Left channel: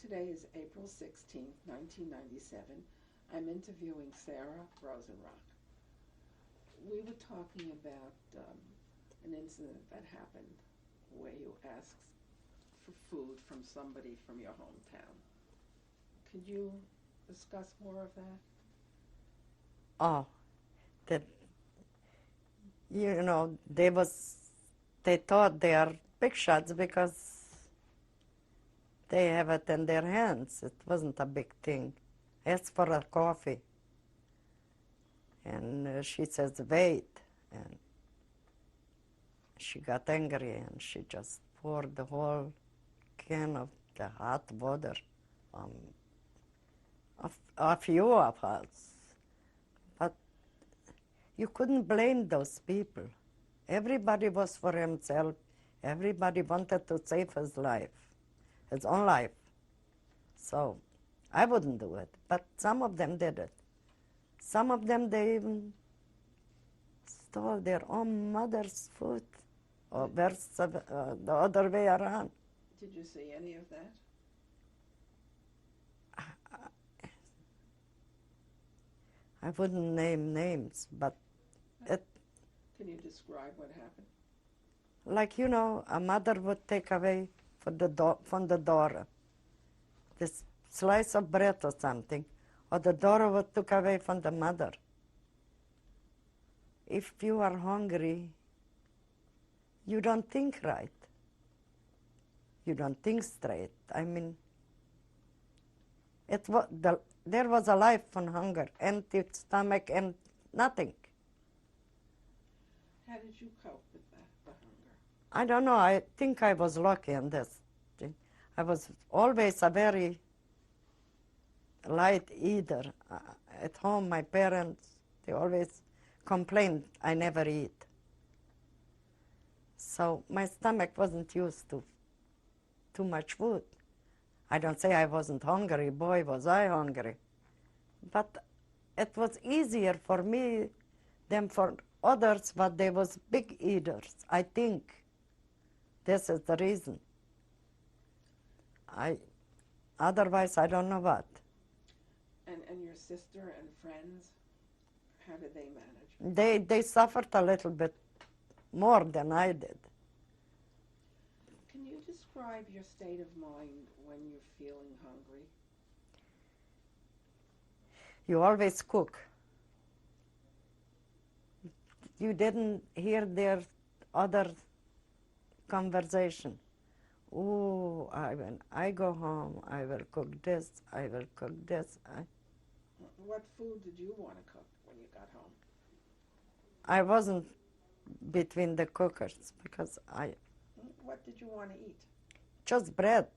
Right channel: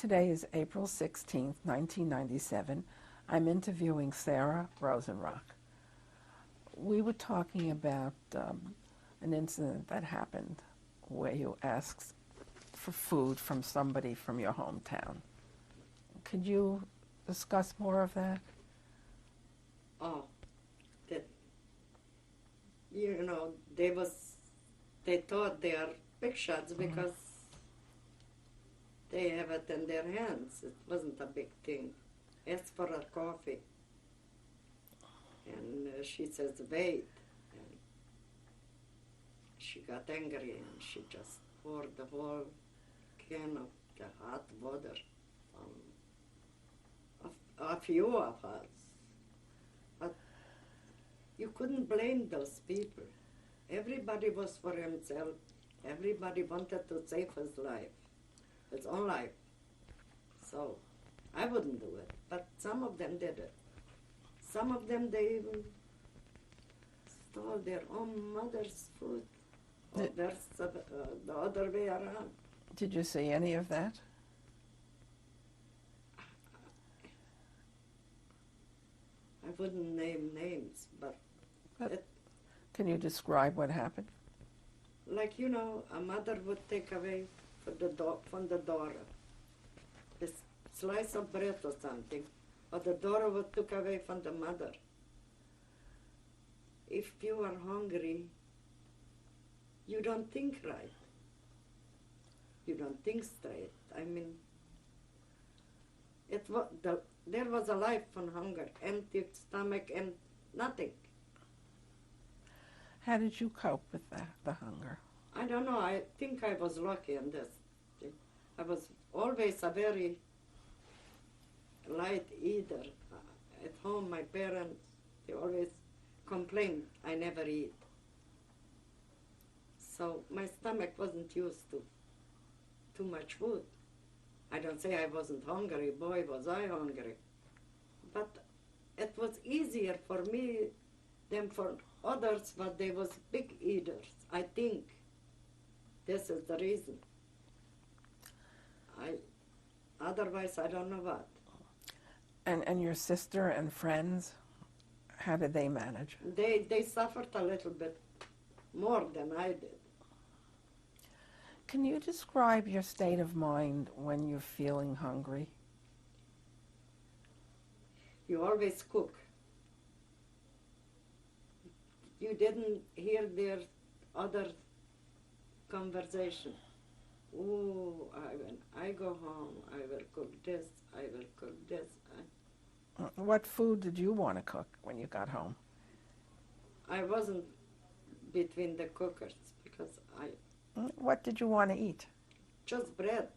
Today is April 16th, 1997. I'm interviewing Sara Rosenrauch. We were talking about an incident that happened where you asked for food from somebody from your hometown. Could you discuss more of that? Oh, that, they thought they are big shots because they have it in their hands. It wasn't a big thing. Asked for a coffee. And she says, wait. And she got angry and she just poured the whole can of the hot water on a few of us. But you couldn't blame those people. Everybody was for himself. Everybody wanted to save his life, his own life. So I wouldn't do it, but some of them did it. Some of them, they even stole their own mother's food, or the other way around. Did you see any of that? I wouldn't name names, but Can you describe what happened? like, a mother would take away from the daughter this slice of bread or something, or the daughter would take away from the mother. If you are hungry, you don't think right. You don't think straight. I mean, there was a life on hunger, empty stomach and nothing. How did you cope with the hunger? I don't know. I think I was lucky in this thing. I was always a very light eater. At home, my parents, they always complained I never eat. So my stomach wasn't used to too much food. I don't say I wasn't hungry. Boy, was I hungry. But it was easier for me than for others, but they was big eaters. I think this is the reason. Otherwise, I don't know what. And your sister and friends, how did they manage? They suffered a little bit more than I did. Can you describe your state of mind when you're feeling hungry? You always cook. You didn't hear their other conversation. Oh, when I go home, I will cook this, I will cook this. What food did you want to cook when you got home? I wasn't between the cookers because What did you want to eat? just bread.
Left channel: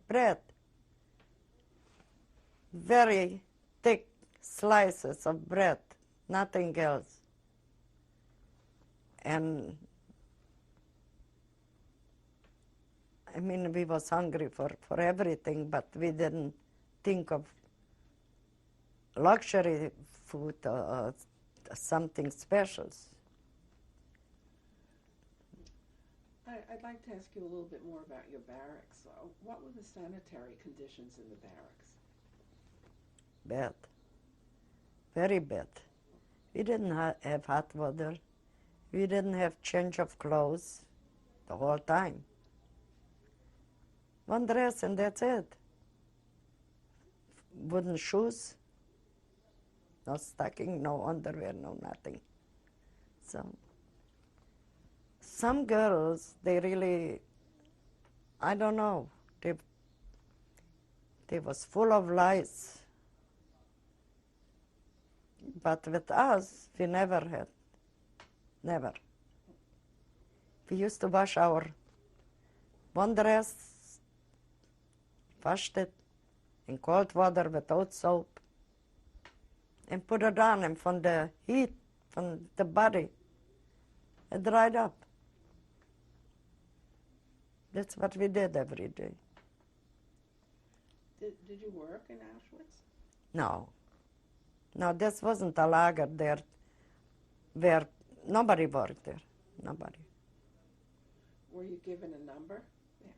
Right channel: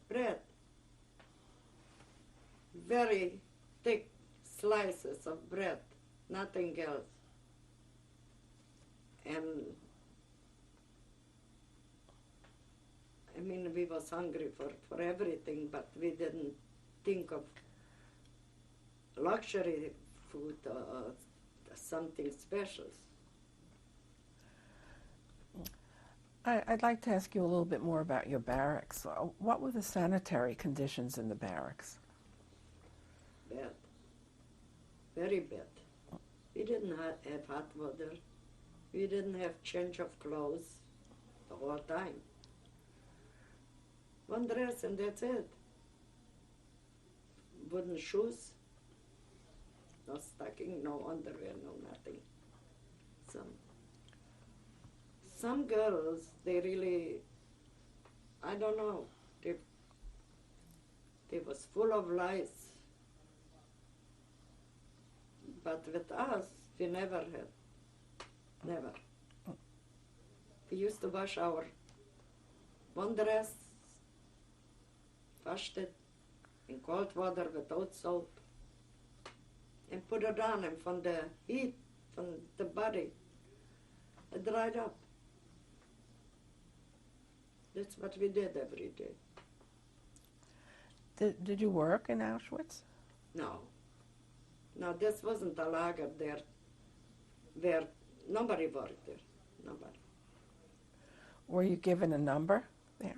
Very thick slices of bread, nothing else. And I mean, we was hungry for everything, but we didn't think of luxury food or something special. I'd like to ask you a little bit more about your barracks. What were the sanitary conditions in the barracks? Bad. Very bad. We didn't have hot water. We didn't have change of clothes the whole time. One dress and that's it. Wooden shoes, no stocking, no underwear, no nothing. So some girls, they really, I don't know, they was full of lies. But with us, we never had. Never. We used to wash our one dress, washed it in cold water without soap, and put it on, and from the heat, from the body, it dried up. That's what we did every day. Did you work in Auschwitz? No. No, this wasn't a lager there where nobody worked there. Nobody. Were you given a number there?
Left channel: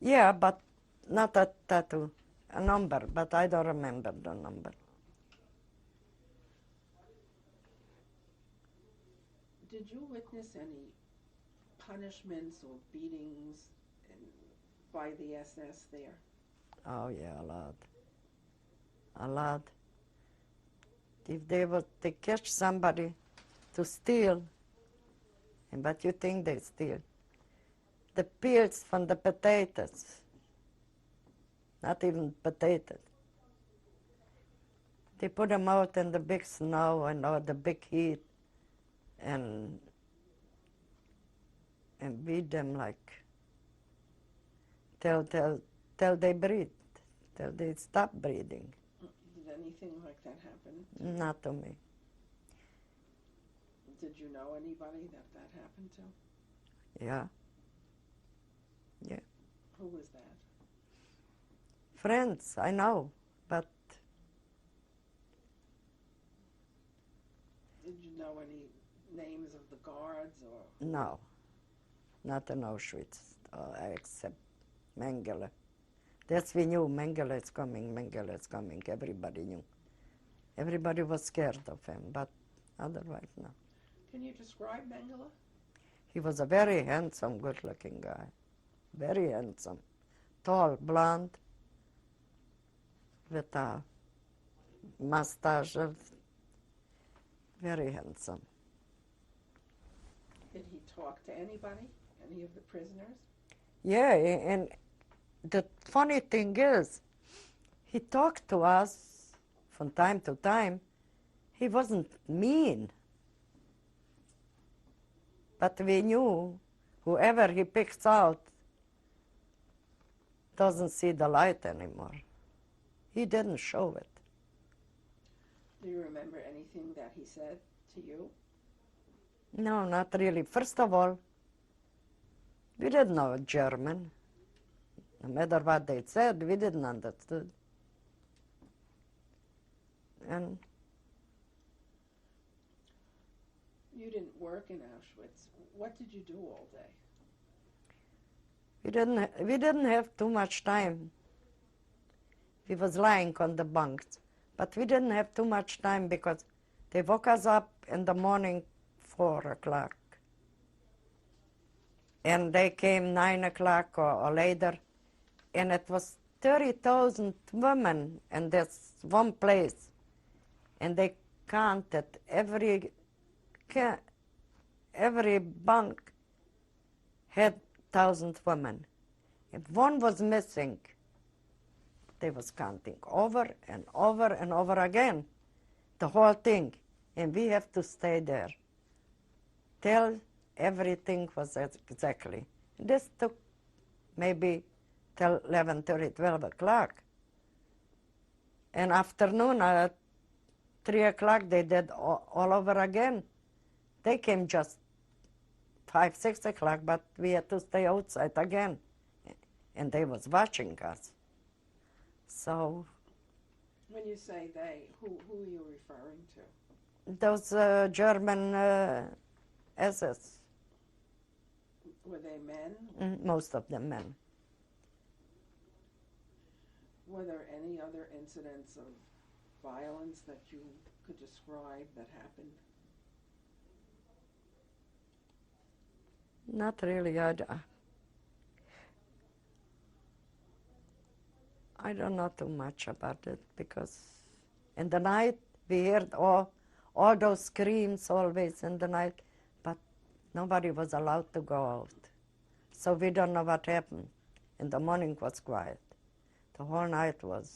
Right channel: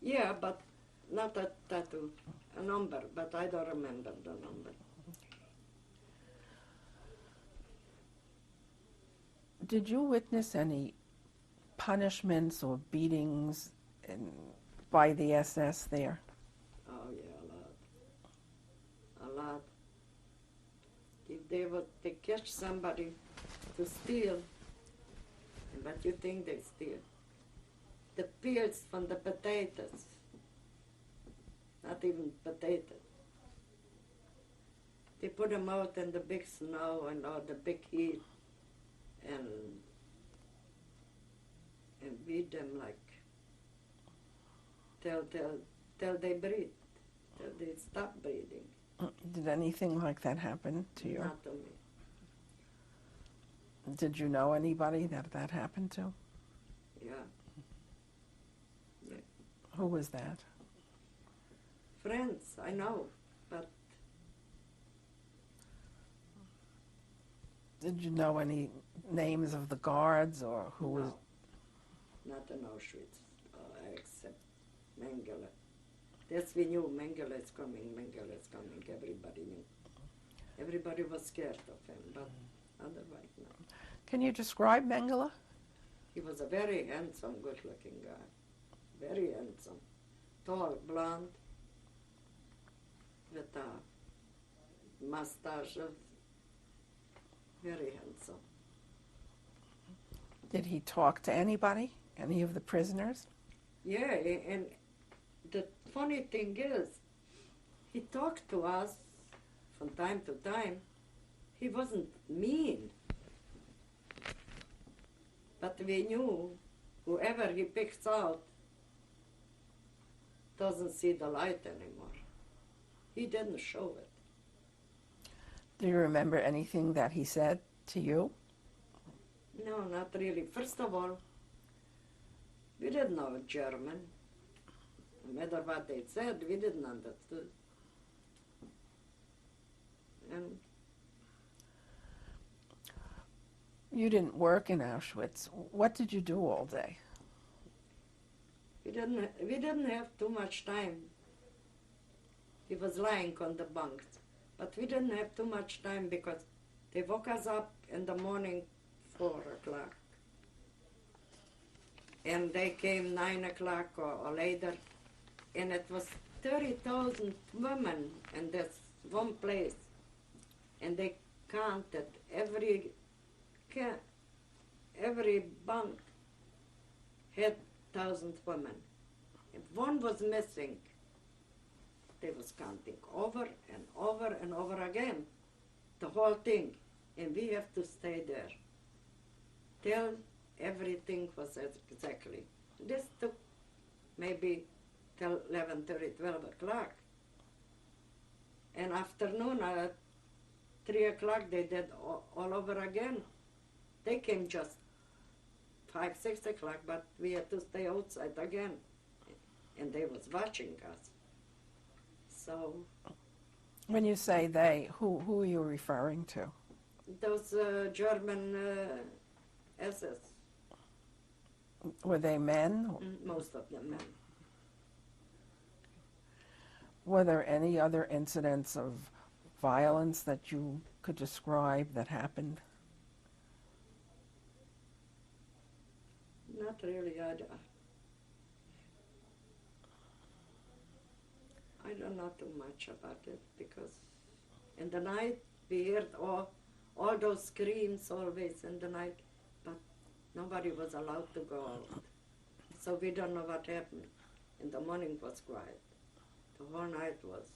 Yeah, but not a tattoo, a number, but I don't remember the number. Did you witness any punishments or beatings by the SS there? Oh yeah, a lot. A lot. If they catch somebody to steal, and what you think they steal? The peels from the potatoes. Not even potatoes. They put them out in the big snow and or the big heat and beat them like till they breathe, till they stop breathing. Did anything like that happen to you? Not to me. Did you know anybody that happened to? Yeah. Yeah. Who was that? Friends, I know, but Did you know any names of the guards or who? no, not in Auschwitz, except Mengele. That's we knew Mengele is coming, Mengele is coming. Everybody knew. Everybody was scared of him, but otherwise, no. Can you describe Mengele? He was a very handsome, good-looking guy. Very handsome. Tall, blonde, with a mustache. Very handsome. Did he talk to anybody? Any of the prisoners? Yeah, and the funny thing is, he talked to us from time to time. He wasn't mean. But we knew whoever he picks out doesn't see the light anymore. He didn't show it. Do you remember anything that he said to you? No, not really. First of all, we didn't know German. No matter what they said, we didn't understand. And You didn't work in Auschwitz. What did you do all day? we didn't have too much time. We was lying on the bunks, but we didn't have too much time because they woke us up in the morning 4 o'clock. And they came 9 o'clock or later, and it was 30,000 women in this one place. And they counted every bunk had 1,000 women. If one was missing, they was counting over and over and over again, the whole thing. And we have to stay there till everything was exactly. This took maybe till 11:30, 12 o'clock. And afternoon at 3 o'clock they did all over again. They came just 5, 6 o'clock, but we had to stay outside again. And they was watching us. So When you say they, who are you referring to? those German SS, Were they men? most of them men. Were there any other incidents of violence that you could describe that happened? Not really. I don't know too much about it because in the night we heard all those screams always in the night, but nobody was allowed to go out. So we don't know what happened. In the morning was quiet. The whole night was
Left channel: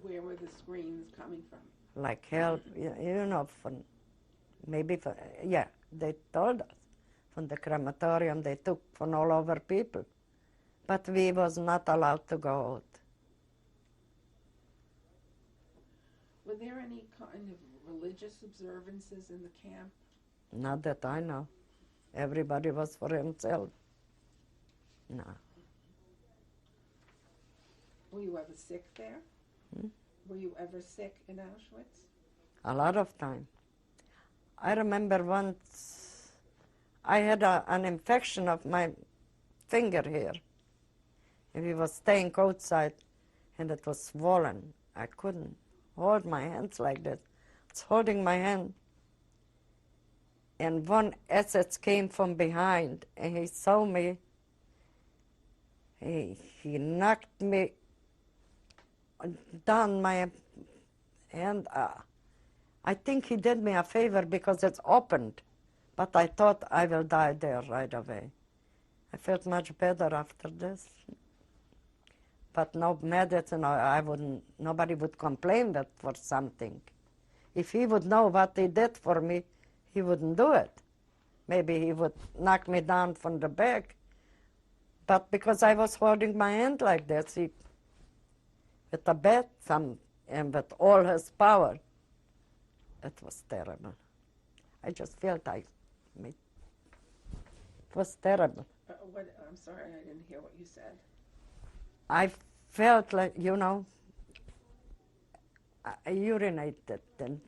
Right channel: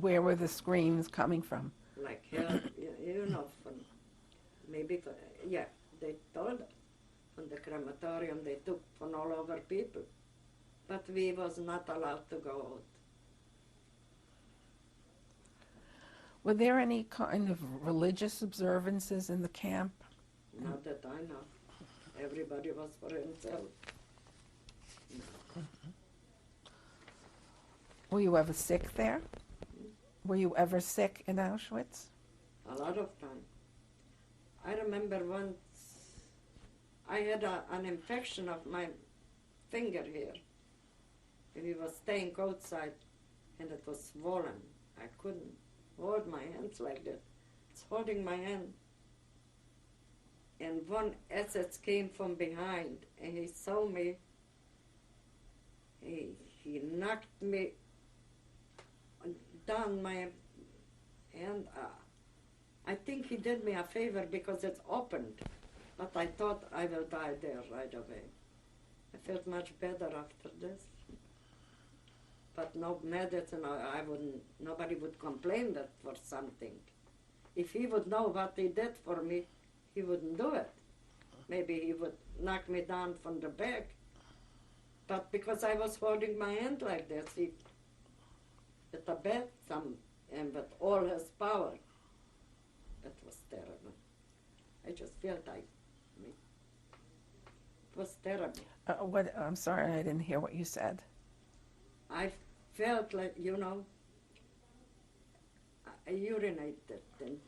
Where were the screams coming from? like hell, you know, yeah, they told us from the crematorium they took from all over people, but we was not allowed to go out. Were there any kind of religious observances in the camp? Not that I know. Everybody was for himself. No. Were you ever sick there? Were you ever sick in Auschwitz? A lot of time. I remember once I had an infection of my finger here, And we was staying outside, and it was swollen. I couldn't hold my hands like that. It's holding my hand. And one SS came from behind, and he saw me. He knocked me down my hand. I think he did me a favor because it's opened, but I thought I will die there right away. I felt much better after this. But no medicine, nobody would complain that for something. If he would know what he did for me, he wouldn't do it. Maybe he would knock me down from the back. But because I was holding my hand like this, with a bat, and with all his power, it was terrible. I just felt it was terrible. I'm sorry, I didn't hear what you said. I felt like, I urinated, and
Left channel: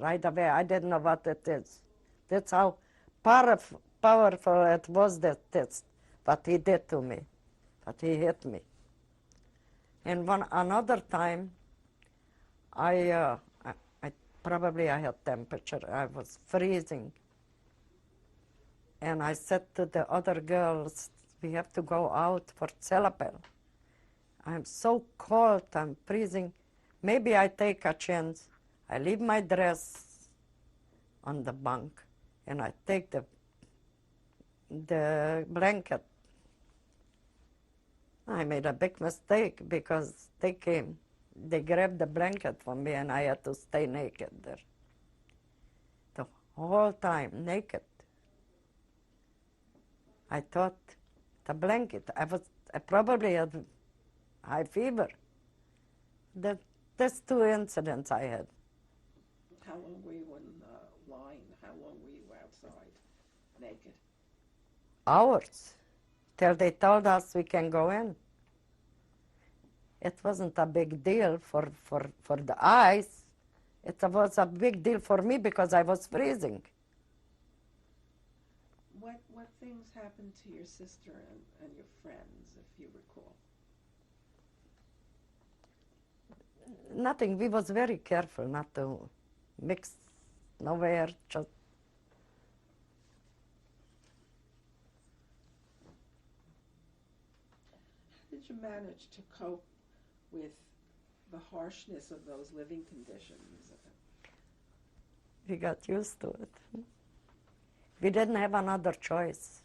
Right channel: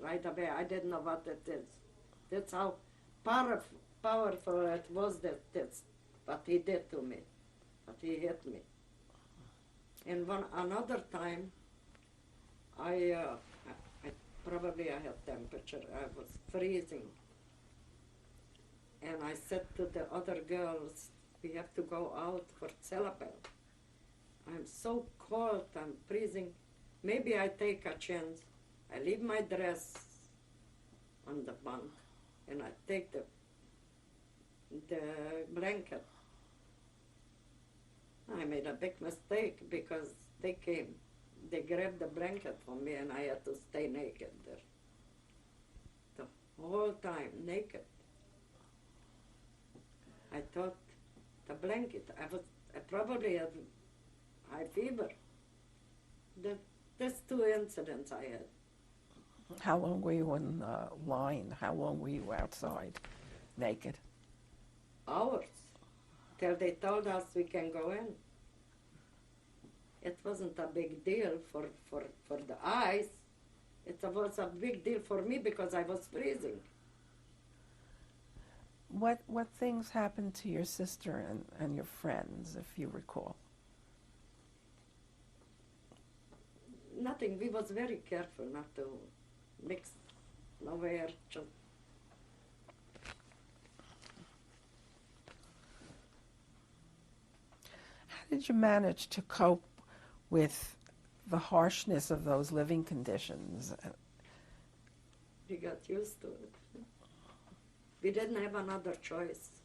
right away I didn't know what it is. That's how powerful it was, that's what he did to me, but he hit me. And another time, I probably I had temperature. I was freezing, and I said to the other girls, "We have to go out for celebel. I'm so cold. I'm freezing. Maybe I take a chance. I leave my dress on the bunk, and I take the blanket." I made a big mistake because they came. They grabbed the blanket from me, and I had to stay naked there. The whole time, naked. I thought the blanket, I probably had high fever. That's two incidents I had. How long were you in line? How long were you outside, naked? Hours, till they told us we can go in. It wasn't a big deal for the eyes. It was a big deal for me because I was freezing. What things happened to your sister and your friends, if you recall? Nothing. We was very careful not to mix nowhere. Just How did you manage to cope with the harshness of those living conditions? we got used to it. We didn't have another choice.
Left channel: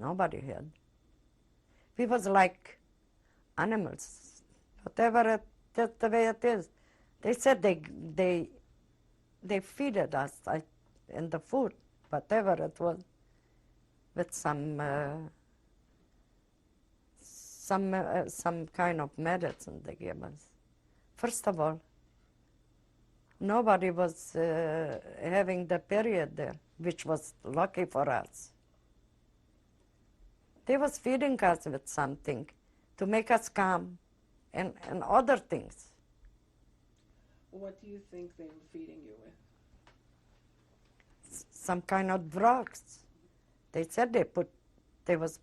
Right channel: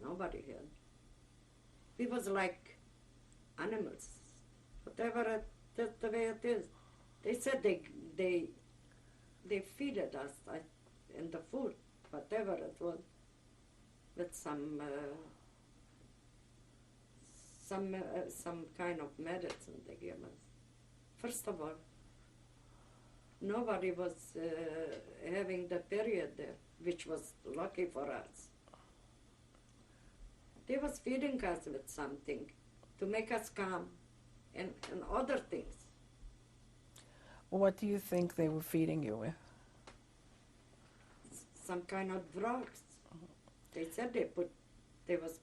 Nobody had. We was like animals. Whatever that's the way it is. They said they feeded us and the food, whatever it was, with some kind of medicine they gave us. First of all, nobody was having the period there, which was lucky for us. They was feeding us with something to make us calm and other things. What do you think they were feeding you with? Some kind of drugs. They said they was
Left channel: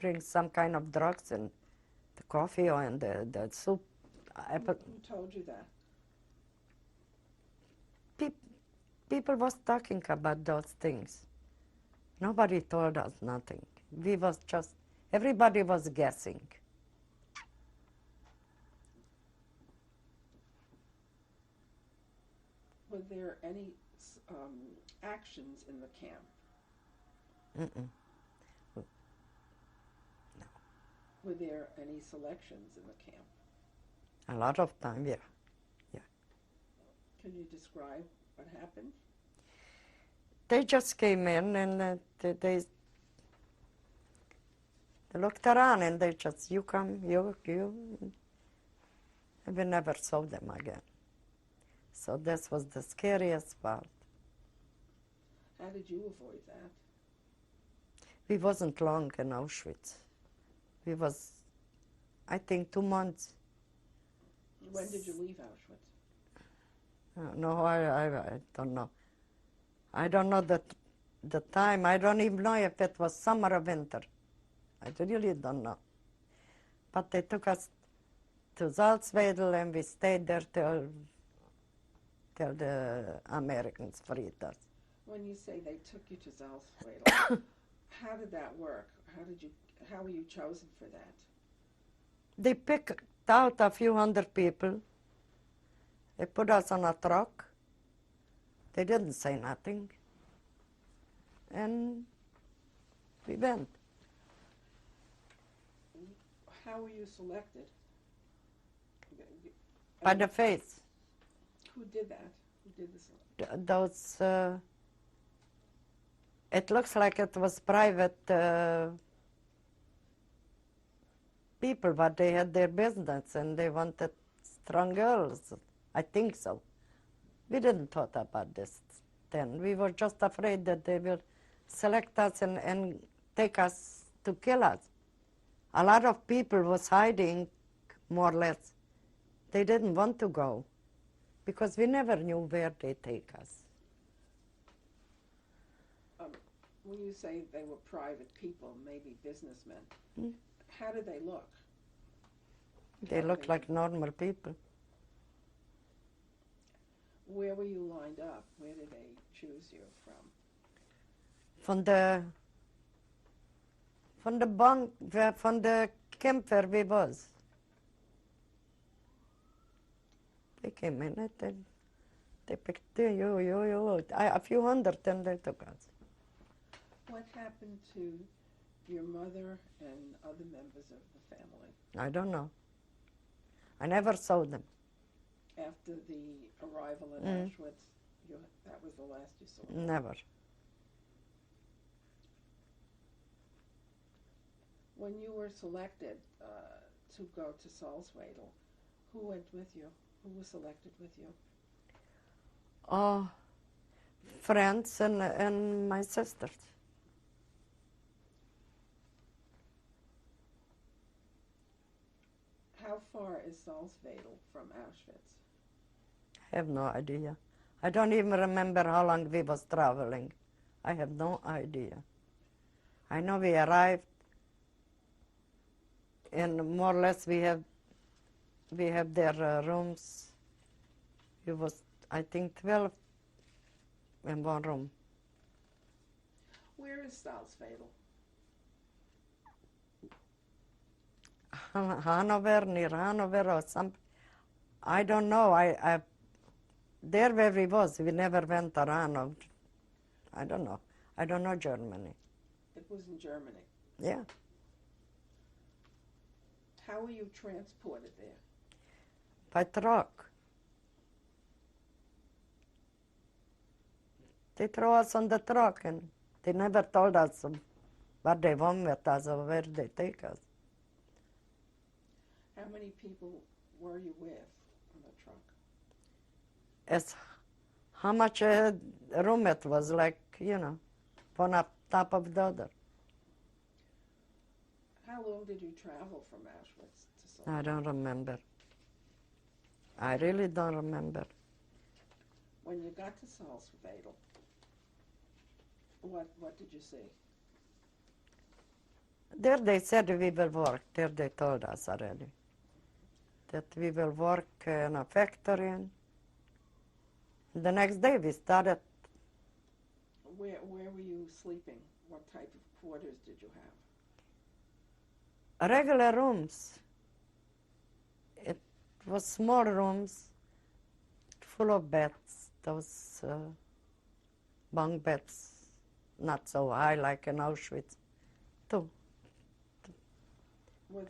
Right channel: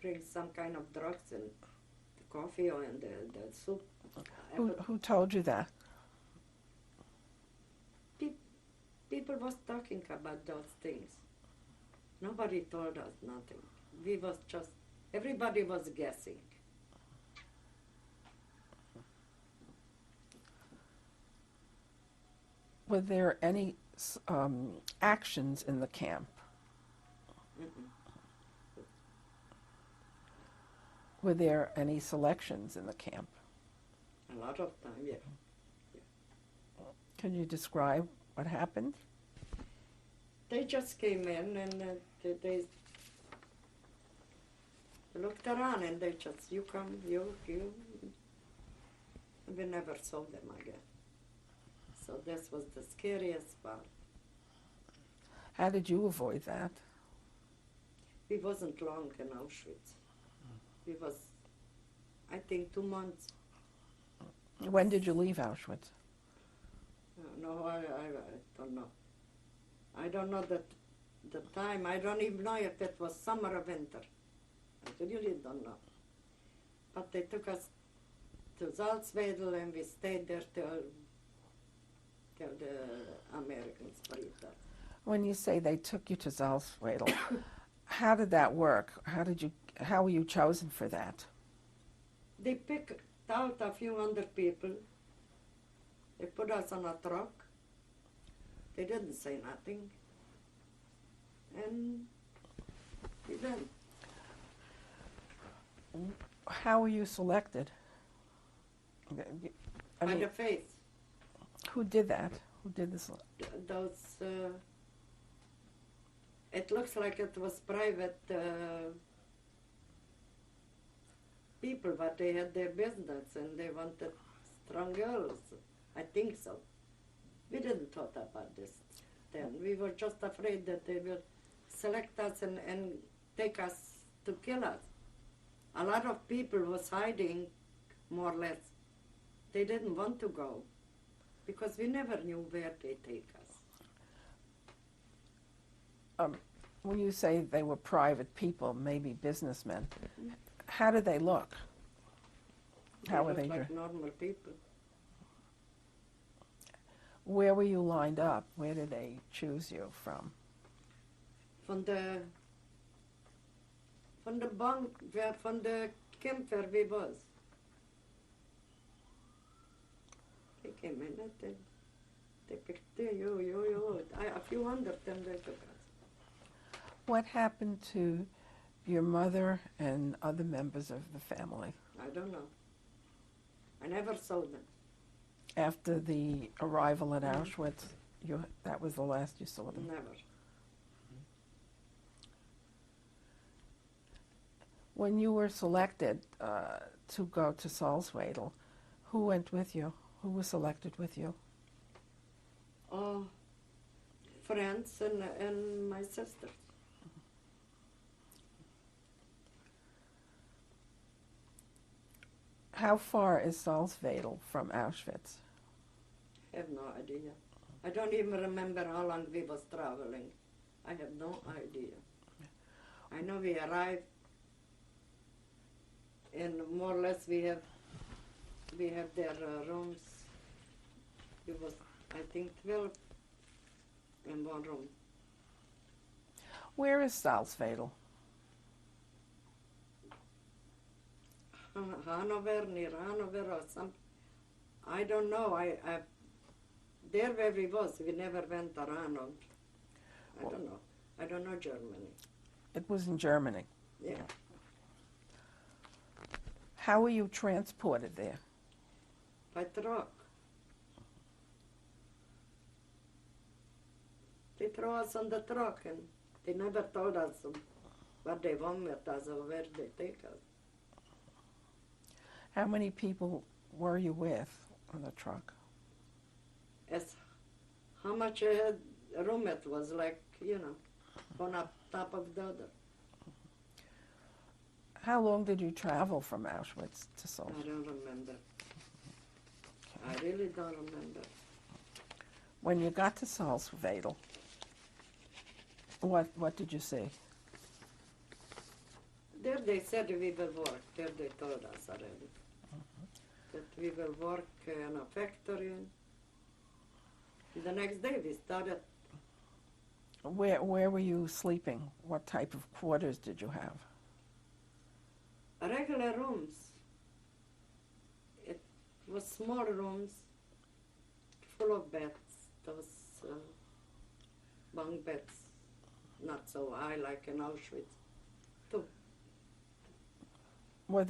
bring some kind of drugs in the coffee or in the soup. Who told you that? People was talking about those things. Nobody told us nothing. We was just, everybody was guessing. Were there any actions in the camp? Mm-mm. Were there any selections in the camp? A lot of time, yeah. Can you describe what happened? They just came in and they looked around and they just, you come, you. And we never saw them again. So this was the scariest part. How did you avoid that? We wasn't long in Auschwitz. We was, I think, 2 months. When did you leave Auschwitz? No, I don't know. I don't know the time. I don't even know if it was summer or winter. I really don't know. But they took us to Salzwedel and we stayed there till the Americans freed us. When you say they took you to Salzwedel, how did that work? How were you chosen for that? They picked out a few hundred people. They put us on a truck. They didn't say nothing. And we went. How were you selected? I By mean, the face. who did that? Who did this? Those, it looks like it was private people, but they had their business and they wanted strong girls. I think so. We didn't thought about this then. We were just afraid that they will select us and take us to kill us. A lot of people was hiding, more or less. They didn't want to go because we never knew where they take us. When you say they were private people, maybe businessmen, how did they look? They How were looked like normal people. Where were you lined up? Where did they choose you from? From the camp where we was. They came in and they picked you. A few hundred, and they took us. What happened to your mother and other members of the family I don't know. I never saw them. after the arrival at Auschwitz? That was the last you saw them. Never. When you were selected to go to Salzwedel, who went with you? Who was selected with you? Oh, friends and my sisters. How far is Salzwedel from Auschwitz? I have no idea. I don't even remember how long we was traveling. I have no idea. I know we arrived, and more or less we have their rooms. It was, I think, 12 in one room. Where is Salzwedel? Hanover, near Hanover or some, I don't know. I there where we was, we never went around. I don't know. I don't know Germany. It was in Germany. Yeah. How were you transported there? By truck. They throw us on the truck and they never told us what they want with us or where they take us. How many people were you with on the truck? As how much room it was, like, one up top of the other. How long did you travel from Auschwitz to Salzwedel? I don't remember. I really don't remember. When you got to Salzwedel, what did you see? There they said we will work. There they told us already. That we will work in a factory. The next day we started. Where were you sleeping? What type of quarters did you have? Regular rooms. It was small rooms, full of beds, those bunk beds, not so high like in Auschwitz. Were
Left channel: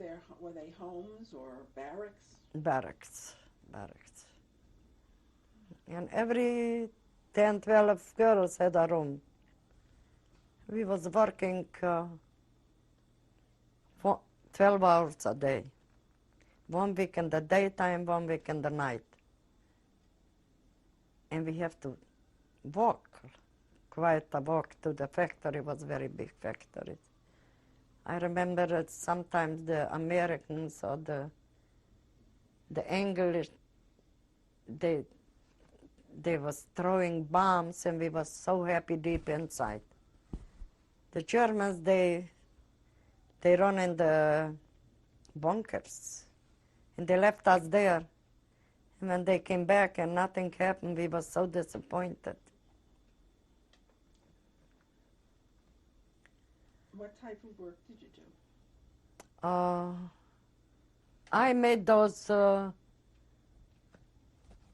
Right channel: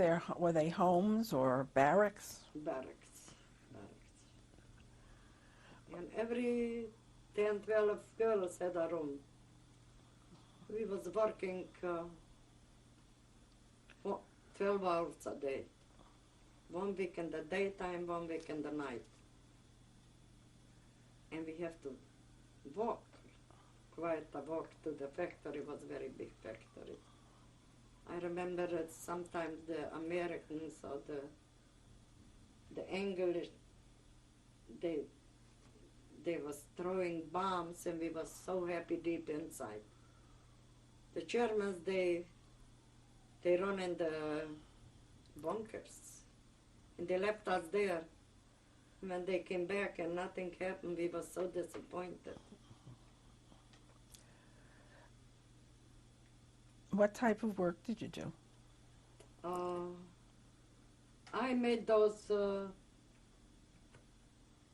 they homes or barracks? Barracks. And every 10, 12 girls had a room. We was working 12 hours a day. 1 week in the daytime, 1 week in the night. And we have to walk, quite a walk to the factory. It was a very big factory. I remember that sometimes the Americans or the English, they was throwing bombs and we was so happy deep inside. The Germans, they They run in the bunkers. And they left us there. And when they came back and nothing happened, we were so disappointed. What type of work did you do? I made those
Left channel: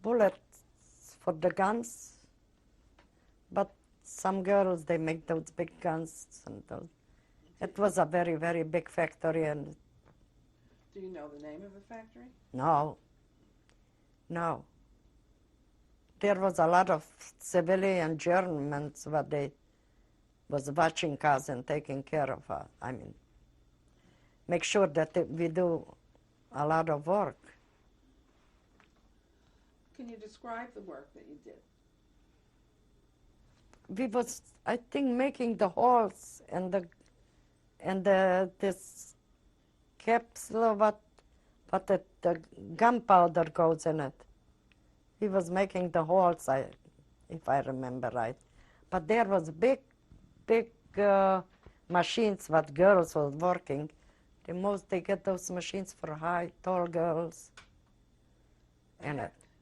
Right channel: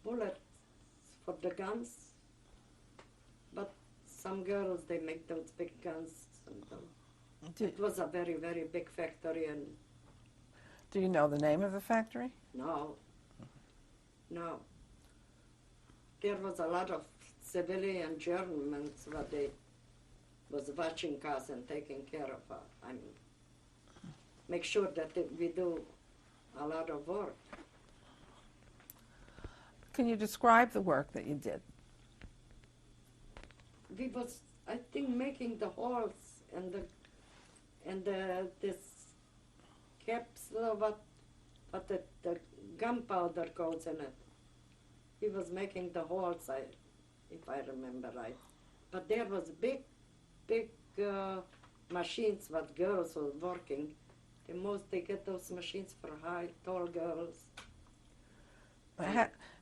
bullets for the guns, but some girls, they make those big guns. And those. It was a very, very big factory, and Do you know the name of the factory? no. There was a lot of civilian Germans, but they was watching us and taking care of us. I mean, make sure that we do a lot of work. Can you describe the work that you did? We was, I think, making the holes and this capsule, but the gunpowder goes in it. He was making the holes, if I remember right. But there was big machines what girls was working. The most they get those machines for high, tall girls.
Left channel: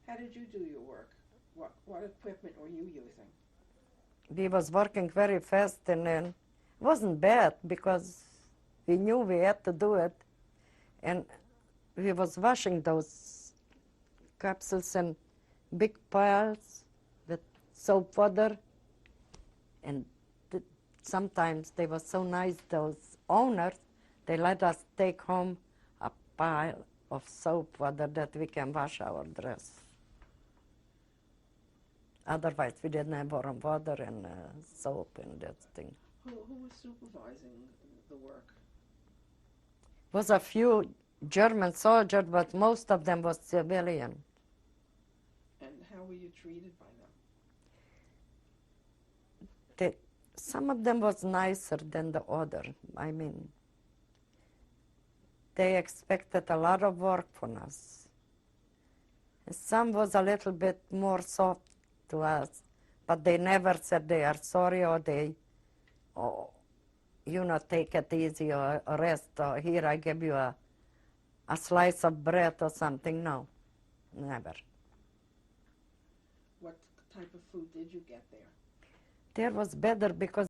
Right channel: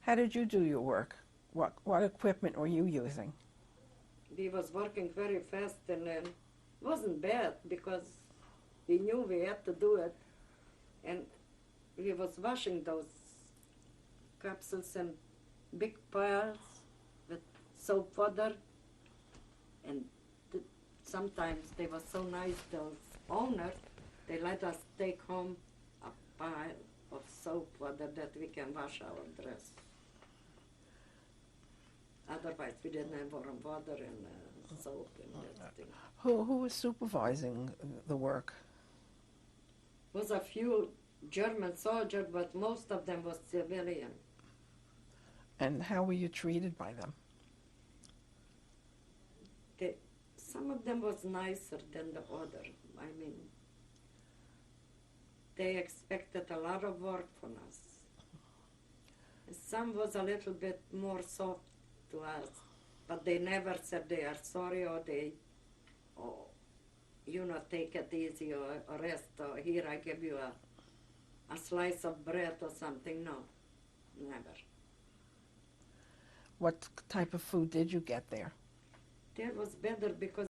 How did you do your work? What equipment were you using? We was working very fast, and then it wasn't bad because we knew we had to do it. And we was washing those capsules in big piles with soap water. And sometimes they were so nice, those owners, they let us take home a pile of soap water that we can wash our dress. Otherwise, we didn't have warm water and soap and that thing. Who was supervising the work? Was a few German soldiers, but most of them was civilian. And how were you treated by them? Some of them was nicer than the other. I mean, they expected a lot of work from us. Some was a little bit more soft to us, but they never said they are sorry or take it easy or rest or here I give you a slice of bread or something. No, never. What type of food did you get there? There was better because